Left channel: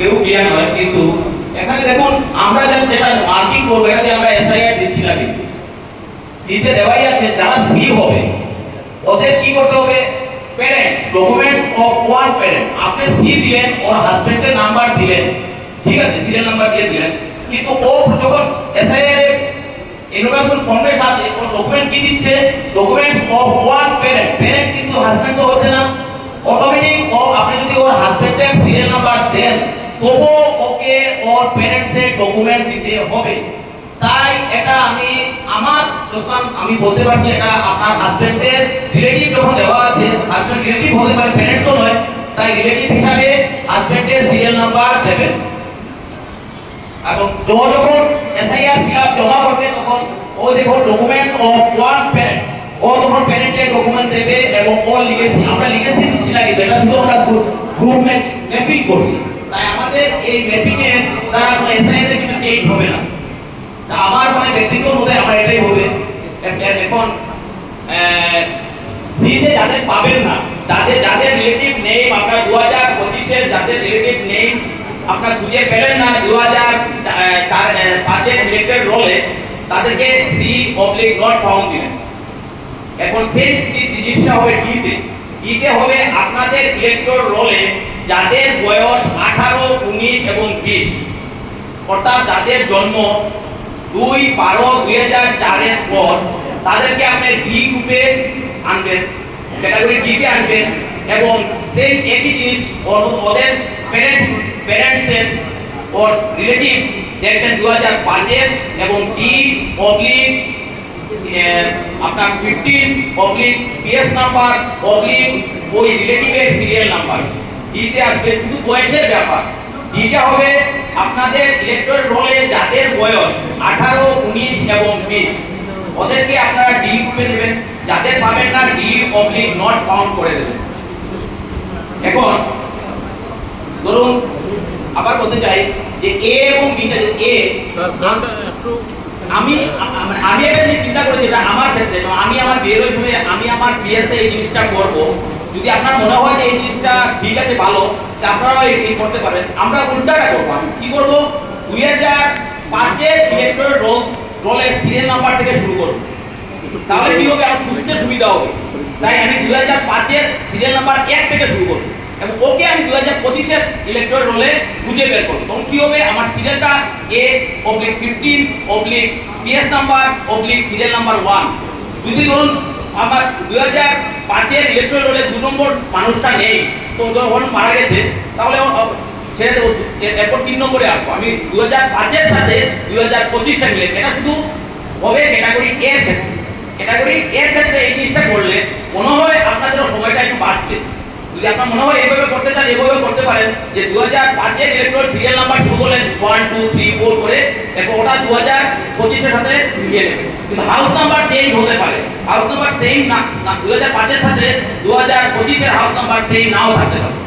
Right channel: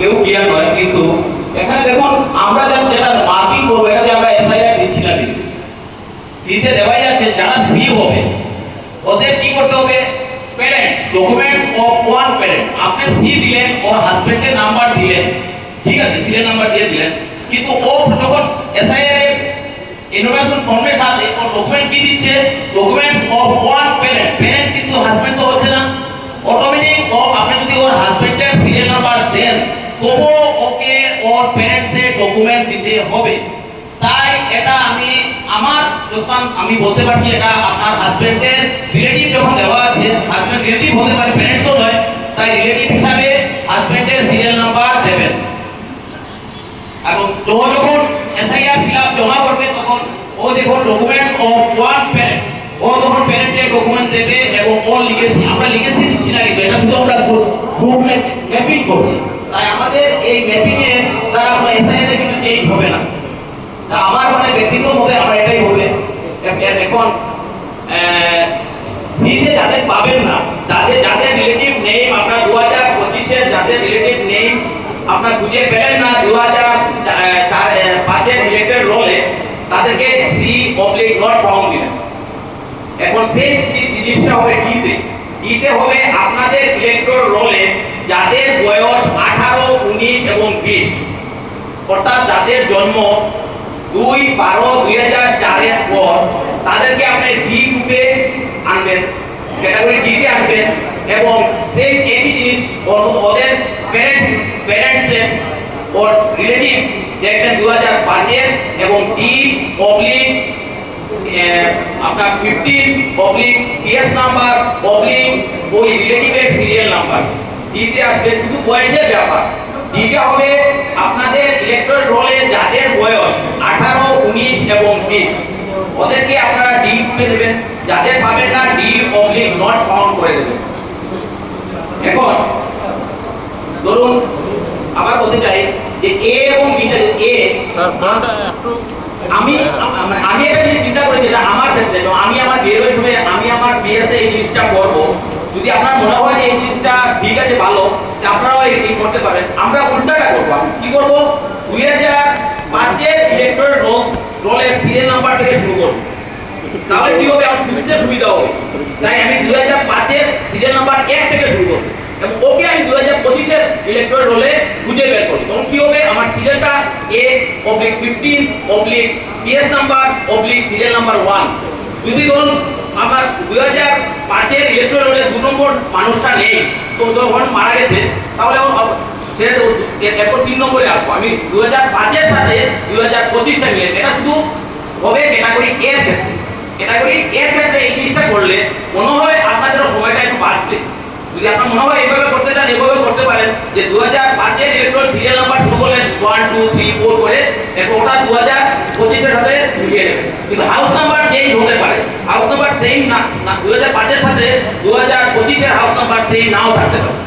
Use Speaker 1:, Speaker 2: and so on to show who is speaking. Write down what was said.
Speaker 1: কেউ ক্লিয়ার নয়, কিন্তু এখানে দেখুন, আমরা যেটা মার্কিং করব, এটা যে আমরা এসআইআর দিচ্ছি না কিন্তু সিতে দেওয়াই আছে, যারা সি হবে, ওদের কি করতে হবে? Parents documents of one parent আপনি সি দিলেন, ওর হাজবেন্ডের নাম্বার দিলেন, ঠিক আছে সিরিয়াল নাম্বার দিয়ে দিলেন। কিন্তু ও যখন এসআইআর ইনফরমেশন ফর্মের সাথে ও ডকুমেন্ট কি দিচ্ছে? Documents of one parent parent ওর প্যারেন্টসের ডকুমেন্ট দিতে হবে। তাই এটা আমি আমার দোকান আমি বলতে পারছি এটা আপনার হাজবেন্ডের রিলেটিভ যখন দেওয়া আছে হাজবেন্ড রিলেটিভ হতে পারে প্যারেন্টস তো নয়, তাই রিলেটিভ হিসাবে হাজবেন্ডের সিরিয়াল নাম্বার দেবেন। এবং তো যখন এসআইআর ফিল আপ জমা করবে, তখন ও ডকুমেন্টস অফ ওয়ান প্যারেন্ট ও তখন প্যারেন্টের ডকুমেন্ট দেবে এবং ও লিখেছি আমরা লিখেছি দিচ্ছি না এটা শুধু আমরা গ্রুপ করছি। তাই আমাদের এই ম্যাপিং এর দ্বারা এসআইআর কিছু চেঞ্জ হবে না। তা আমার মানে ব্যক্তিগত মতে আমার এটাই হবে এখন সিতে যাদের পাবেন না, তাদের যাদের রিলেটিভ নেই, আপনার দু হাজার পঁচিশের যাদের রিলেটিভ নেই, আপনার খুঁজে পেলেন না দু হাজার চার পাঁচের রিলেটেড রোলে তাদেরকে সি পাবলিক নট ফাউন্ড দিলেন। এখন সেই জিনিসটা হবে ডিতে ডিতে হবে আপনাদের ইলেকট্রোর রোলে যাদের বয়স আঠারো, উনিশ এবং বিশ। অর্থাৎ যাদের জন্ম দুই বারো দুই হাজার চারের পর, তাদেরকে আপনি ডি গ্রুপে আনবেন ক্যাটাগরি ডিতে আনবেন এবং সেই একই জিনিস ওদের প্যারেন্টস প্যারেন্টসের ওর রিলেটিভ দেখবেন দু হাজার পাঁচের এবং ডি পাবলিক আপনার fifteen oblique PS number oblique ওই রিলেটিভের সিরিয়াল নাম্বার ডিতে আসবে শুধু বয়সের ব্যাপার। ডিটা হবে আপনাদের ইলেকট্রল রোলে যাদের বয়স আঠারো, উনিশ এবং বিশ। ওদেরকে আপনারা ডি গ্রুপে দেবেন যাদের পাবেন না ডি পাবলিক নট ফাউন্ড করে দেবেন। এখন ধরুন, আবার বলতে চাই যে এ এবং বিটা এ আমি আ- আমি একটা জিনিস চিন্তা করেছি, এটা আমার ক্ষেত্রে, তো আমি আমার বিয়ের হিসেবে আমি আমার বিএসএ এই জিনিসটা করব। যদি আপনার মনে হয় যে এই জিনিসটা ঠিক আছে, ভালো, তা আপনারাও এই করতে পারেন আমরা উল্টাটা করব। আমি কি করব? দুই হাজার পাঁচের ইলেকট্রনিক রোল রোলের সিরিয়াল নাম্বার থেকে শুরু করব। তাহলে কি হবে? আমার বুঝতে সুবিধা হবে। তাই আমি দুই হাজার পাঁচের সিরিয়াল নাম্বার এক থেকে শুরু করব। এবং ওকে আমি দুই হাজার পঁচিশের ইলেকট্রনিক রোলে খুঁজে বের করি। তখন কি হবে? আমার সিরিয়ালটা A oblique fifteen oblique PS number oblique serial number one যদি ধরুন, আমার দু হাজার পাঁচের ইলেকট্রনিক রোলে দু নম্বর মানুষটা নেই, তো ধরুন মারা গেছে, তাহলে সেটা এরপর তিন নম্বরে আসব। আমি দু হাজার পাঁচের সাথে দু হাজার পঁচিশটা নিলে এটা শুধু হবে ক্যাটাগরি এর ক্ষেত্রে ক্যাটাগরি এর ক্ষেত্রে এই জিনিসটা করলে মনে হয় আপনাদের সময়টা একটু বাঁচবে যদি আপনার মনে হয় এইভাবে করতে চান এইভাবে করতে পারেন। যে দু হাজার পাঁচের ইলেকট্রল সিরিয়াল নাম্বার শুরু করলেন ওয়ান টু থ্রি ফোর করে, এরপর ওটা দু হাজার পঁচিশের সাথে মিলিয়ে নেবেন। কিন্তু হাউস নাম্বার চেঞ্জ হতে পারে। হাউস নাম্বার সেম না না দু হাজার পাঁচের সাথে দু হাজার পঁচিশের হাউস নাম্বার সেম নাও থাকতে পারে।